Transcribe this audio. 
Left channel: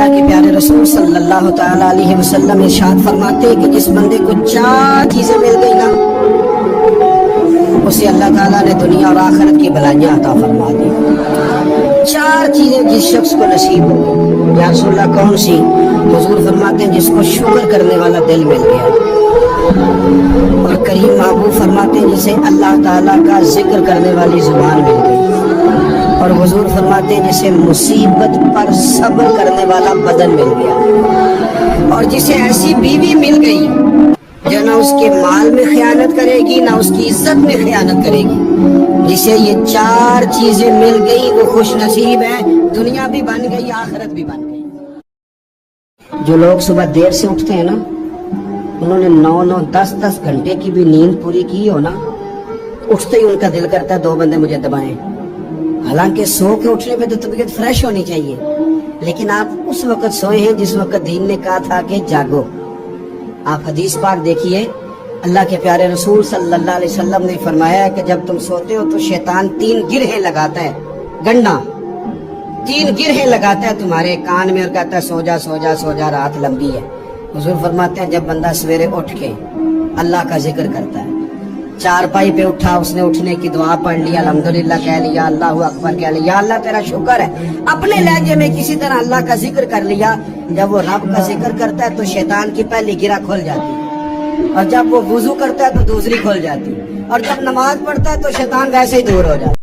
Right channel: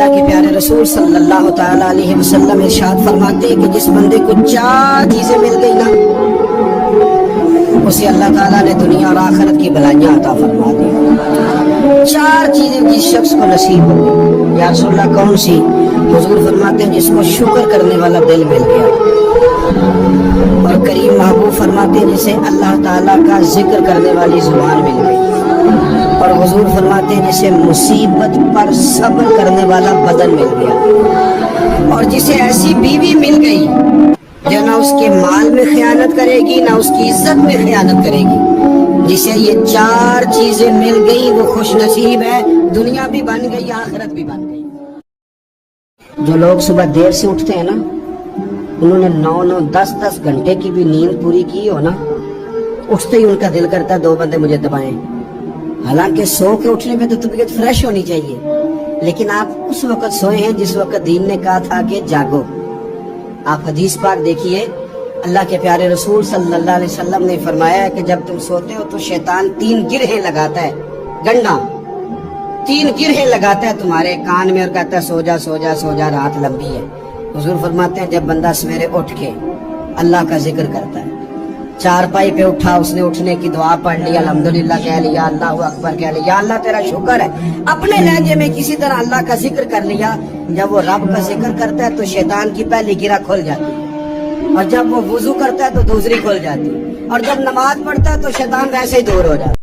اللہ کے پیارے رسول صلی اللہ تعالی علیہ وسلم ارشاد فرماتے ہیں کہ جس بندے کو 4 چیزیں مل گئی نا، اسے اللہ تعالیٰ نے دنیا اور آخرت کی بھلائیاں عطا فرما دی۔ 4 چیزیں جس شخص کو نصیب ہو، یا رسول اللہ کون سی؟ حضور فرماتے ہیں جس کو شکر کرنے والا دل مل گیا، اور کریم محبوب فرماتے ہیں جسے اللہ تعالیٰ کا ذکر کرنے والی زبان مل گئی، اور حضور فرماتے ہیں جسے مصیبت پر صبر کرنے والا بدن مل گیا، اور جسے ایسی بیوی مل گئی جو نہ اس کے مال میں خیانت کرے گی نہ اس کی عزت میں خیانت کرے گی۔ جسے یہ 4 چیزیں مل گئی وہ خوش نصیب ہے، دنیا بھی بن گئی آخرت بھی بن گئی۔ جو لوگ صبح دیر سے اٹھتے ہیں نا، انہوں نے 9-9 10-10 گھنٹے کی بھی نیند پوری کی ہو نا، اٹھتے ہی ان کا دل کرتا ہے 2 بندے مجھے دبائیں۔ حالانکہ سو کے اٹھنے میں تو طبیعت فریش ہونی چاہیے، لیکن آپ اس وقت سوئے ہیں جس وقت دین نے کہا تھا کہ جاگو۔ آپ حدیث پاک دیکھیے، اللہ کے پیارے رسول صلی اللہ علیہ وسلم نے فرمایا ہے کہ جب تم سوتے ہو تو شیطان 3 گرہیں لگاتا ہے، گنڈا 3 گرہیں لگاتا ہے تمہارے کان میں اور کہتا ہے سو جا سو جا سو جا، رات لمبی ہے۔ حضور فرماتے ہیں جب بندہ سویرے اٹھ کے اللہ کا ذکر کرتا ہے، چارپائی پہ اٹھا، اس نے اٹھنے کی دعا پڑھ لی، الحمدللہ کہہ لیا، اللہ اکبر کہہ لیا، اللہ تیرا شکر ہے، اپنے لہجے میں کسی طرح اللہ کا ذکر کر لیا۔ جب وہ رب کا ذکر کرتا ہے تو شیطان کی پہلی گرہ کھل جاتی ہے، اور جب وہ وضو کرتا ہے تو دوسری کھل جاتی ہے، اور جب نماز پڑھتا ہے تو شیطان ویسے ہی دور ہو جاتا ہے۔